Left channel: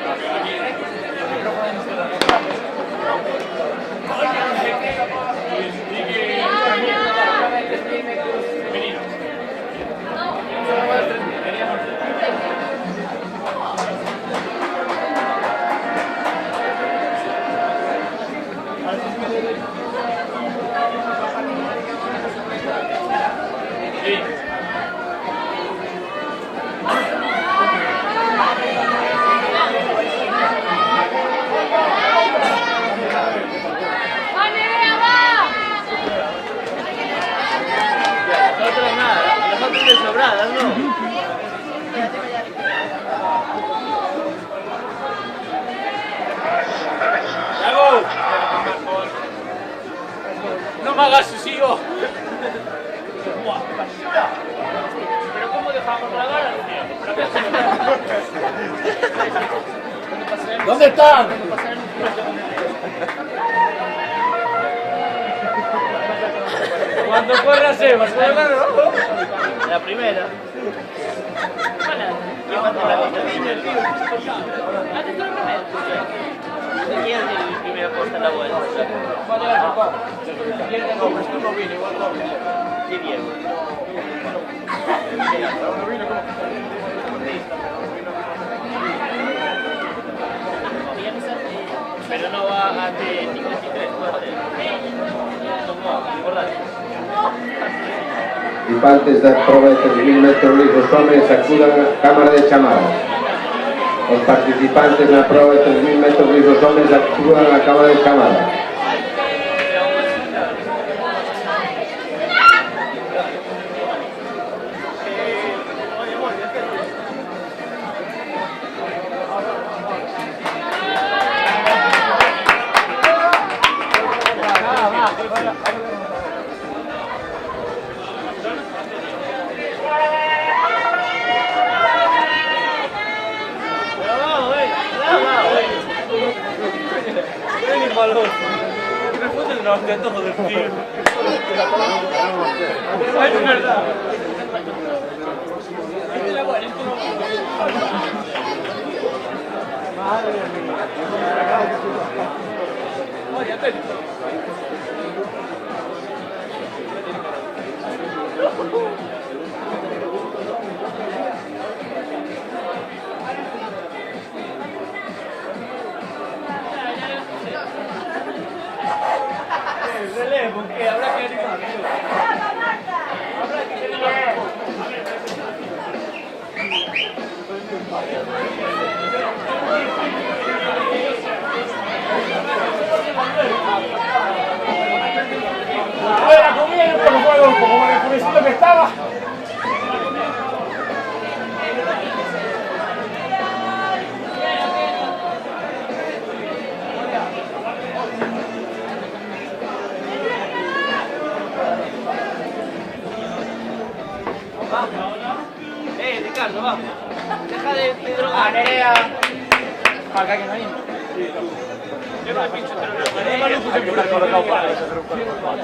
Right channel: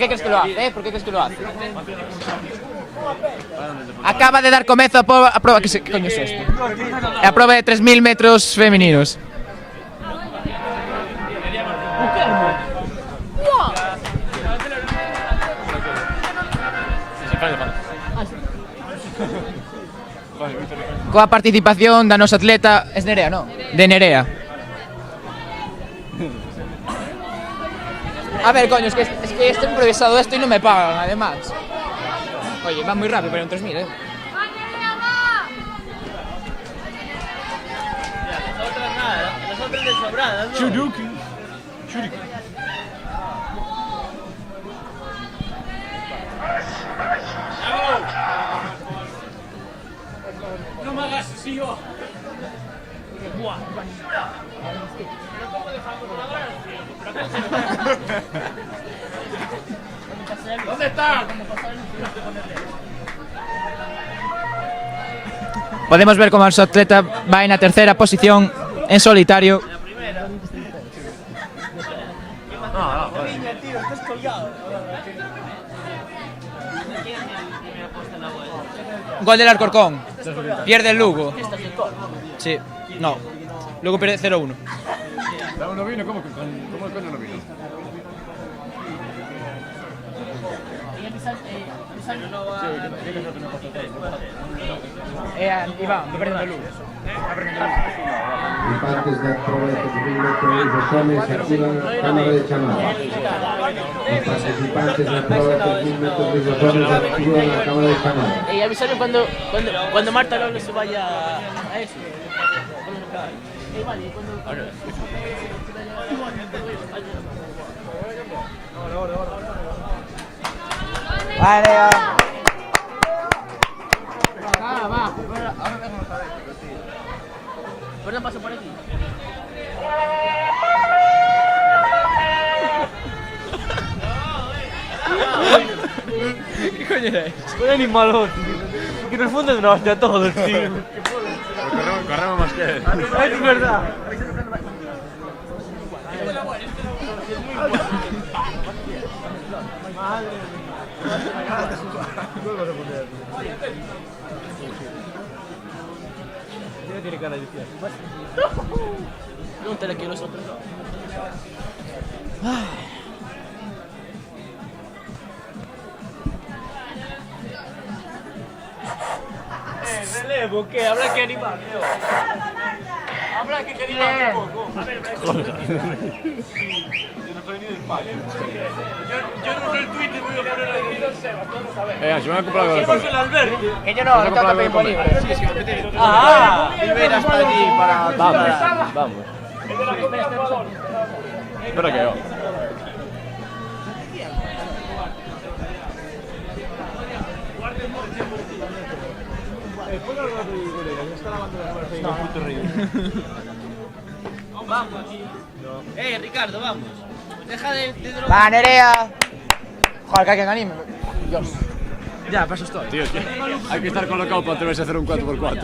qué crees que lo hace? ¿Por qué crees que lo hace? Acaba de dar comienzo a prueba. ¿Qué coño es esto? A prueba de 3000 metros femeninos. Coa participación da nosa atleta, es Nerea, non? De Nerea. A ver, coño, es que esto improvisado esto y no me pagan, además. Va muy rápido, pero entonces no. No tengo nada, las otras de sobradas, ¿no? No me hagas así, yo. Pero ¿cómo dejamos la vara? ¿Dónde están? Podemos ver como su atleta va en la tercera posición en solitario. La primera. Gol del Alcorcón. Pierde el Lugo. Sí, no. Lugo pierde 0-1. Pero no va a 53. Participantes da prova de 3000 metros lisos homes acudan á Cámara de Chamadas. Os participantes na prova de 3000 metros lisos homes acudan á Cámara de Chamadas. Y avisarle cuando Marta se vaya. Un animalón. Que en el fondo trabaja todo el tío. Es verdad. Relevo, ¿qué? Habrá que animar. Habrá que animar un poco. Que yo no tengo que pedir morir. Ricardo, vamos. Deja de drogar. ¡Va, Nerea! Joder, que alguien anime. Ya, paso esto. Hay que estar colocado para que se hacer un 4x4.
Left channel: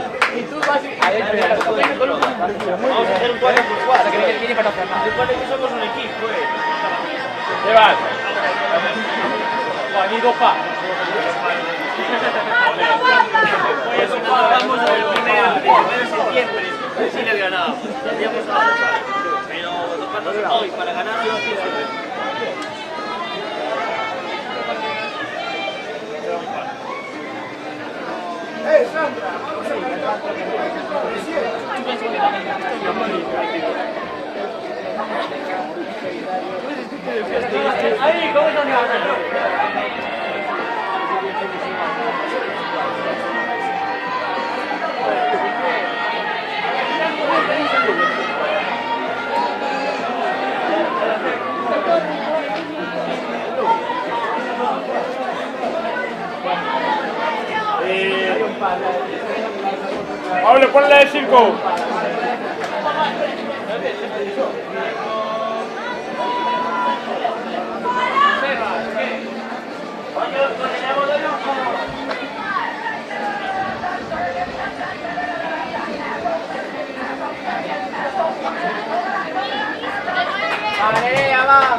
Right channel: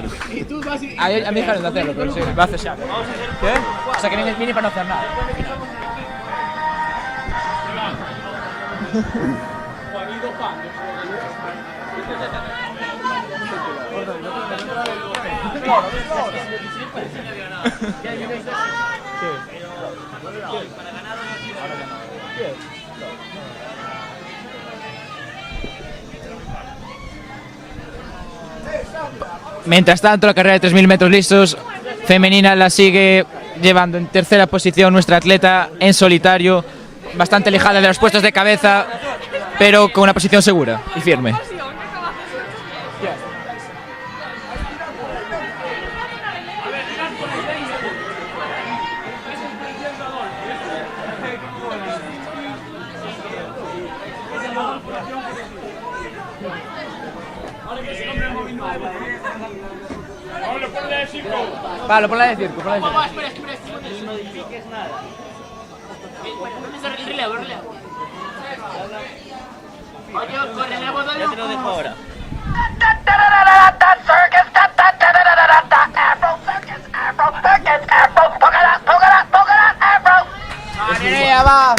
Ahí hay que dejar de hacer. Va a hacer siempre. Vamos a hacer un 4x4. O sea, que viene el mini para no hacer nada. Recuerden que somos un equipo, ¿Qué vas? Juan y dos pa. Pues eso, vamos a ver lo que me da. Siempre, sin el ganado. Ya hemos avanzado. Pero nos falta hoy para ganar algo así. Mientras tanto, la carrera de 3000 metros lisos femenina la sigue llevando en tercera posición nuestra atleta en solitario, bastante alejada de los puestos de cabeza, pero con una posición segura y firme. Pablo, ponle el circo. Vale, ponla de circo. Va.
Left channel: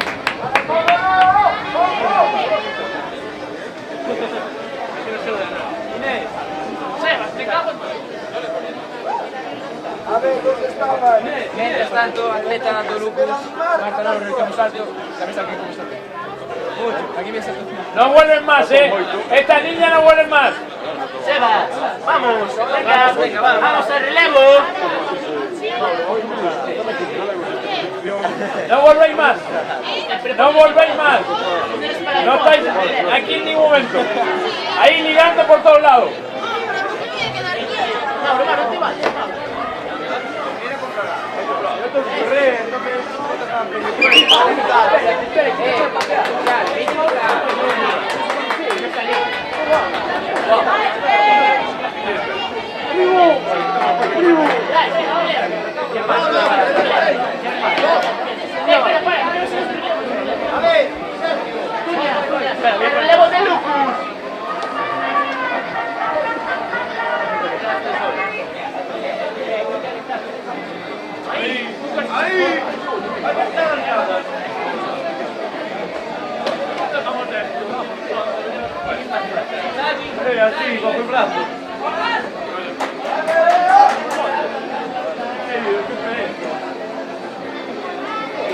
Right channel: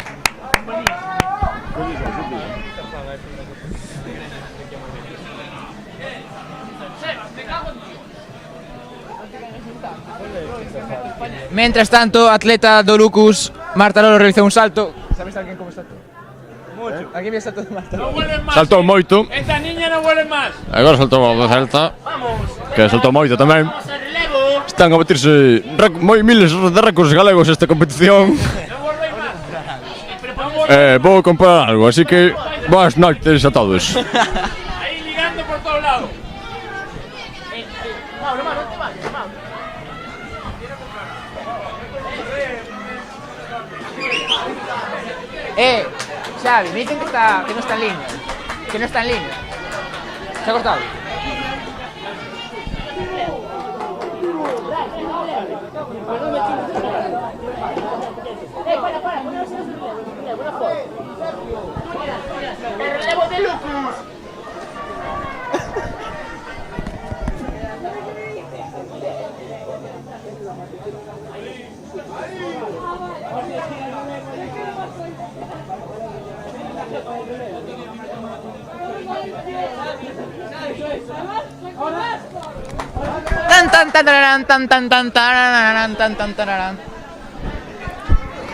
Mientras tanto, atleta do Lucus, Marta Lolo realizou un salto. Aquí ves salto. No vuelven más. Saltou moito. Esta niña no vuelve más. Agora saltou a salta. Que saltou moito tamén. Vamos al relevo. Están a batirse moi miles de récords galegos esta competición. No volvéis más. No volvéis Vou más. comprar algo, así que boas noites a todos. Ahí ligando por todos lados. Charles, dice que no está en línea. Que no está en línea. Salta.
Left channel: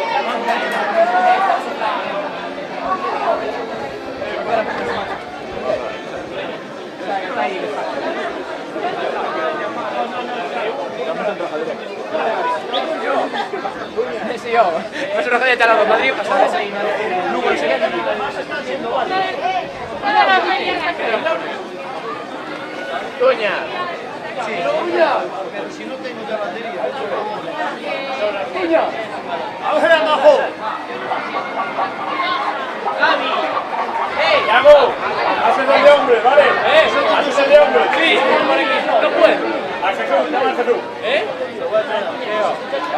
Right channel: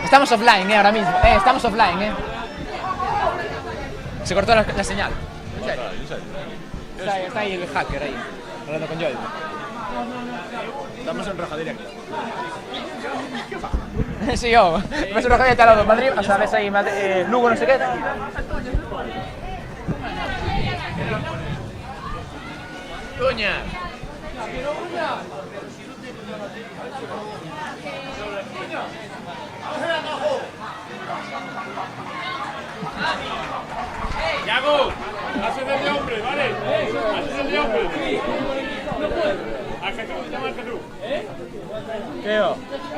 Estamos offline, ahora mismo. Estamos offline, Se cortó la señal. Está ahí el hacker, Sí, yo. Pues una gente a Madrid, pasarás ahí, Lugo, no sé qué. Doña. Ahora abajo. Yago, hazte de hombre, ¿vale? Hazte de hombre. Sí, no puedo. A Jesús, llama a Jesús.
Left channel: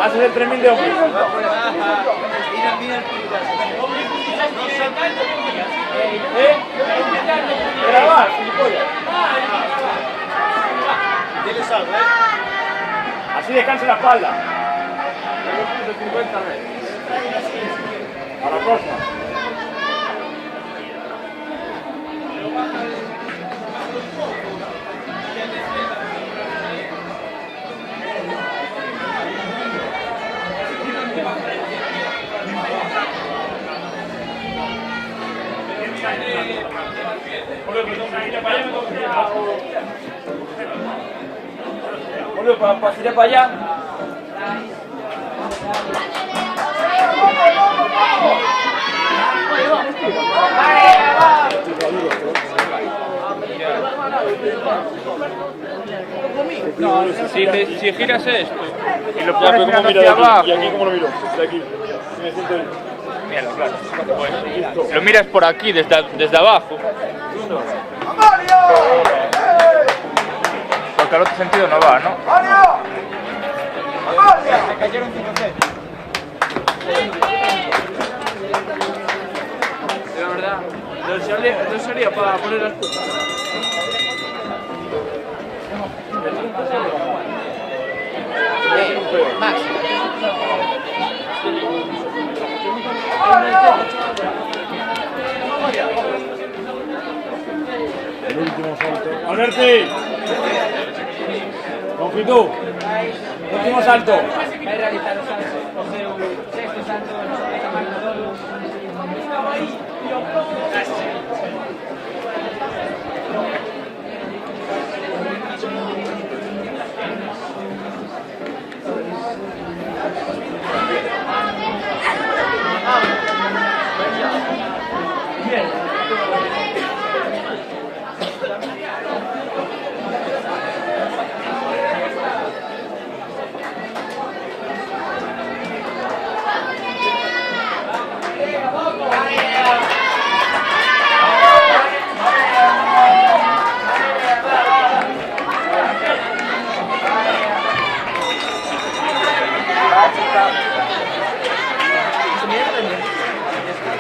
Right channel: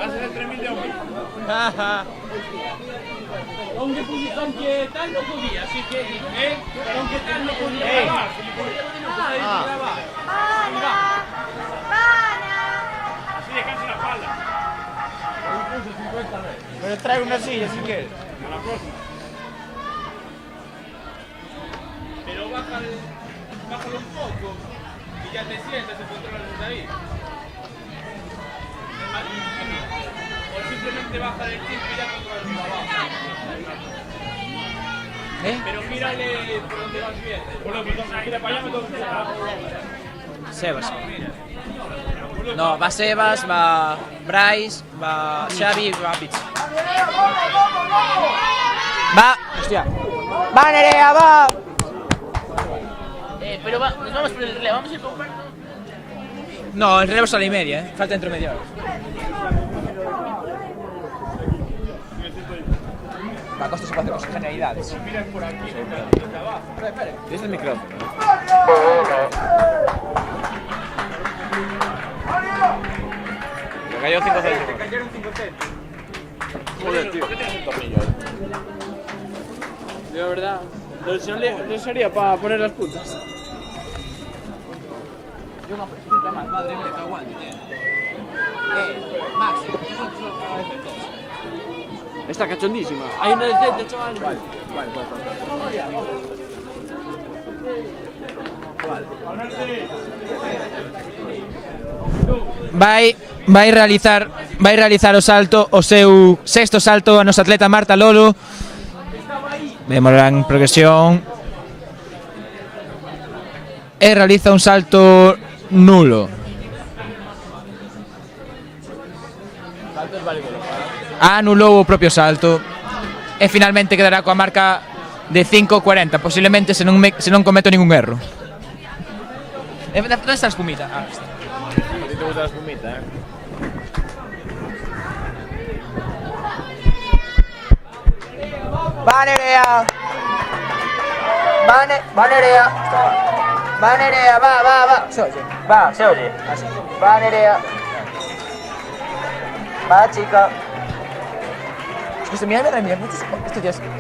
Hazte de 3000 de hombre. Así descansa la espalda. Me trae una silla si quieres. A la costa. Sebas. No, va Sebas, va Bryce, va Xavi, va Nerea, va. No, el relevo es a la y media. Y lo como mira de aquí, y aquí como lo miro. De aquí. Me siento ahí. Lo miras por aquí, desde abajo. Porque al otro sentido no va, ¿no? De verdad, no sería para poner las puntas. Max. Está cachondísimo. Ahí no hay que chaval. Alberti. Longitud. Vai realizar o salto, o seu sexto salto a nosa atleta Marta Lolo. Vemos en progresión. E realiza un salto nulo. Anulou o propio salto e finalmente quedará coa marca de 5.40, posiblemente se non cometo ningún erro. Onde estás comida? Valeria, va, Valeria, va chica. Mira la mierda, ¿qué es esto?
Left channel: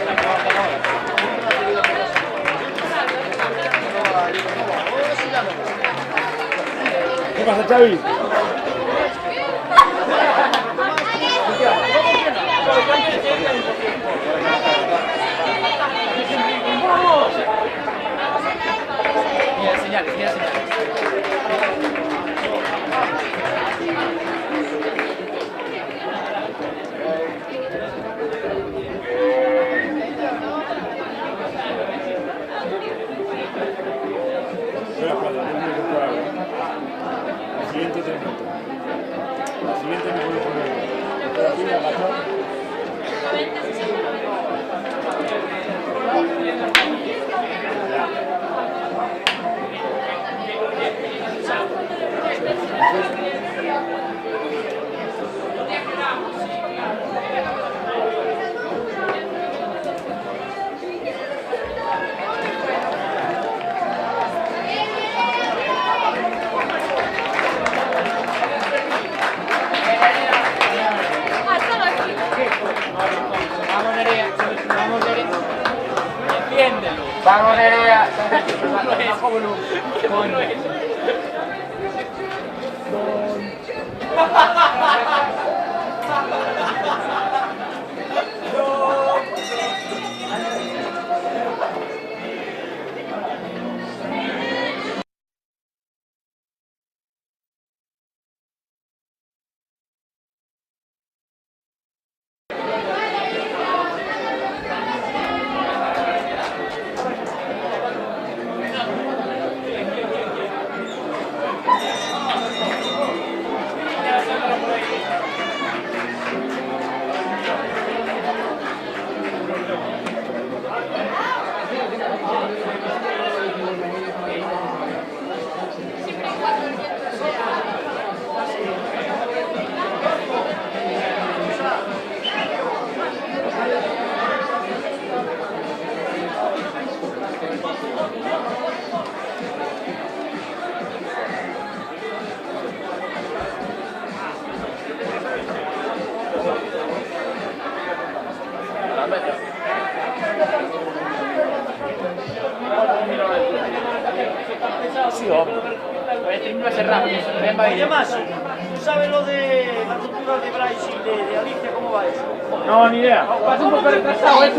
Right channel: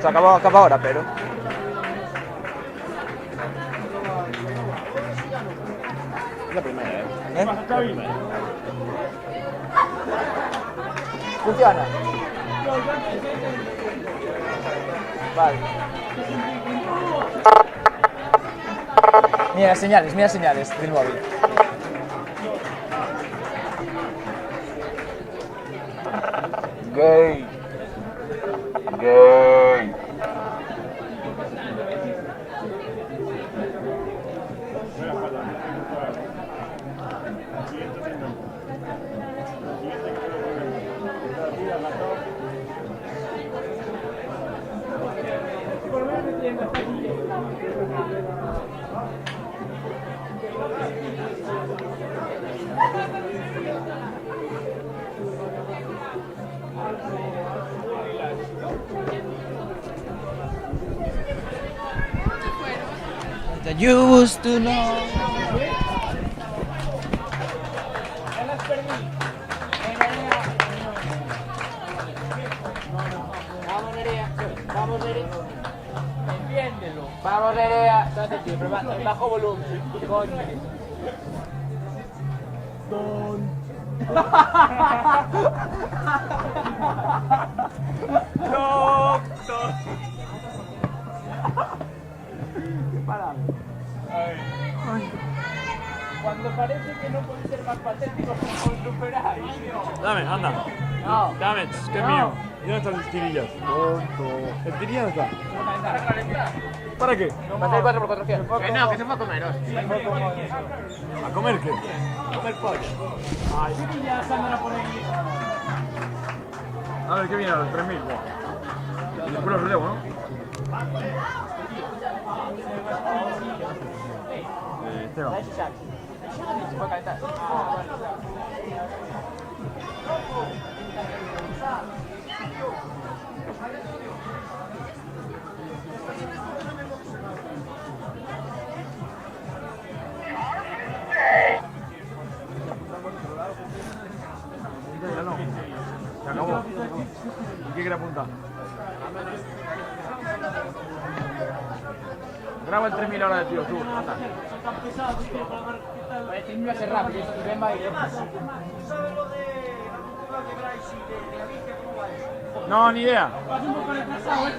Se acaba ahora, pero... ¿Qué pasa, Xavi? Funciona. Mira señales, de nuevo. Used to know. Vamos, Nerea. Cuando parece que no puede ser más patético, os superáis. Dame, anda. Dame, que es mío. ¿Para qué? A comer qué. A ver, ¿qué viene? Bueno, lo leo, ¿no? Y además, ¿tú sabes lo de la cultura de Bryce y de Alicia? ¿Cómo va eso? No, ni idea. Pasa un poco retrasado, ¿eh?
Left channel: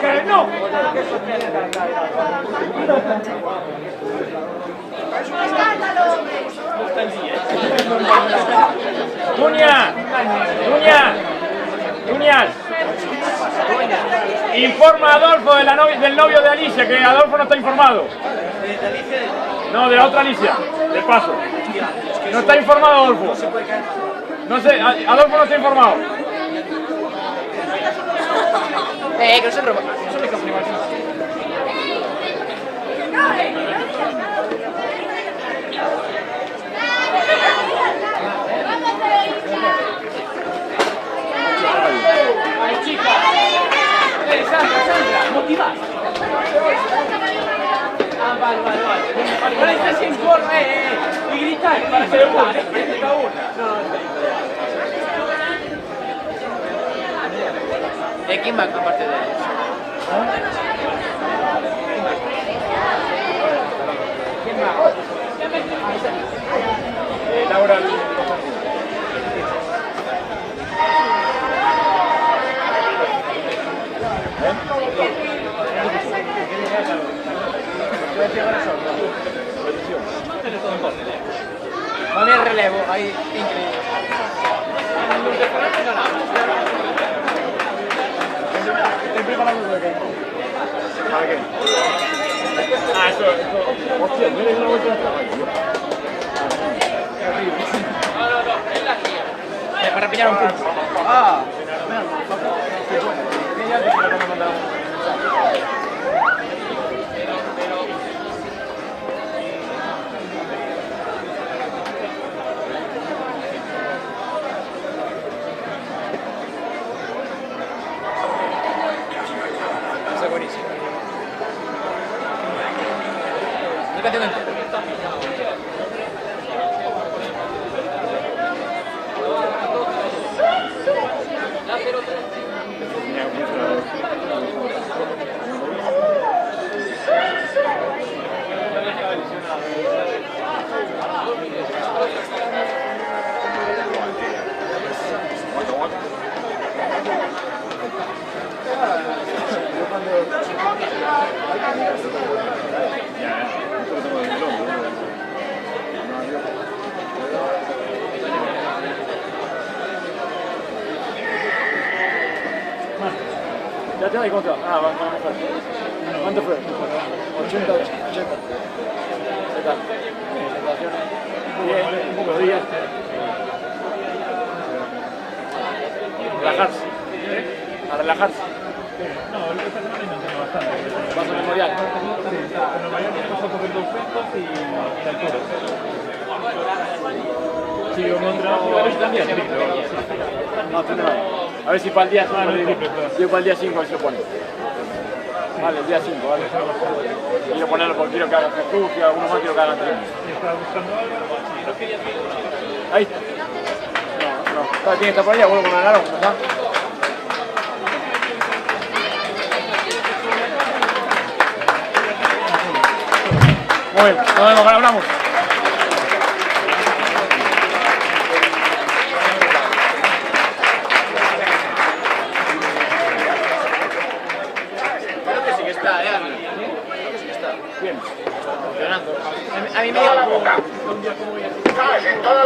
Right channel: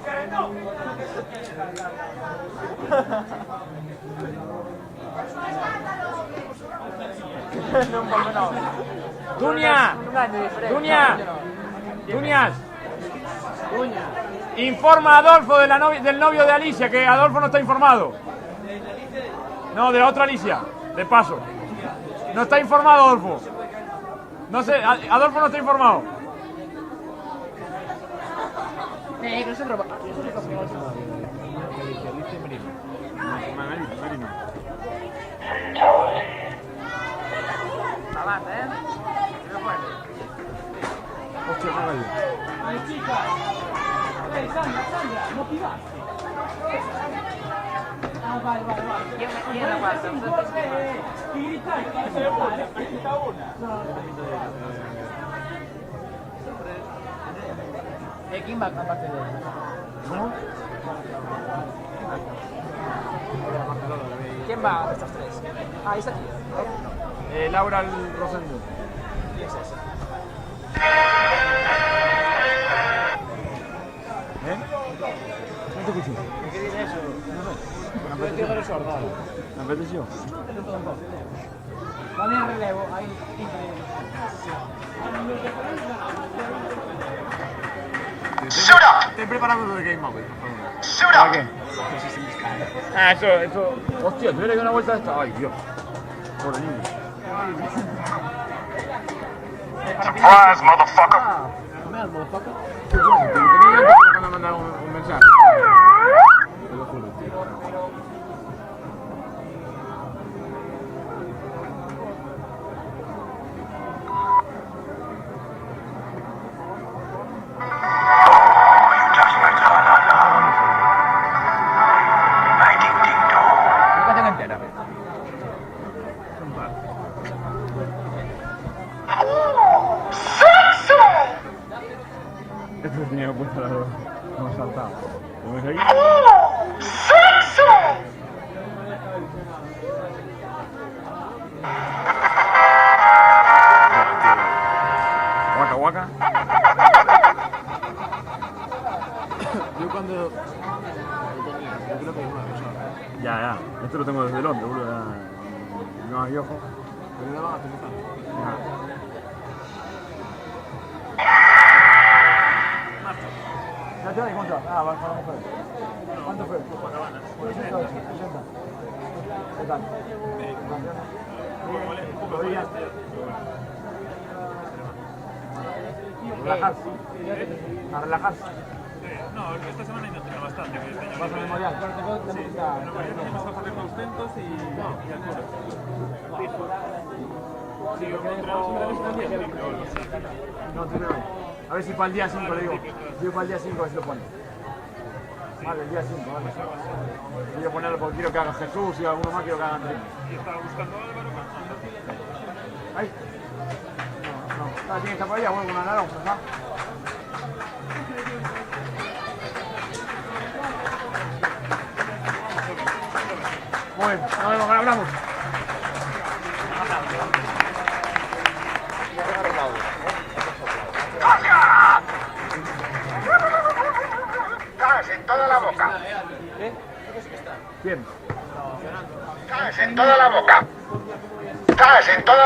¡Que no! ¡Duña! ¡Duña! ¡Duñas! Informa a Adolfo del novio de Alicia, que Adolfo no está informado. No, de la otra Alicia, del paso. No está informado Adolfo. No sé, Adolfo no está informado. Que no se roba. ¡Ay, chica! Sandra, motivad. Vale. Ponéis sin forma, y gritáis para hacer una. ¿Quién va aparte de ellos? ¿Quién va? Laura. Va bien relevo, ahí increíble. Shoot up! Shoot up! Ah, eso. Surprise, motherfucker! ¿Sensación y cuánto? Ah, vamos a ver. ¿Cuánto fue? 80. Bien, rodillas. Relajarse. A relajarse. Paso memorial. Sí, yo no trabajo. No, tendrá. A ver si para el día 5 yo para el día 5 se pone. Vale, el día 5, vale. Quiero ponerlo porque quiero que haga Jesús, que alguno más quiero que haga 3. Ahí. No. Tiene que estar por allá, vuelvo con una naranja, ¿está? Muy bien, nos vemos, ahora hablamos. Bien. Toda la boca. ¿Sabes? En toda la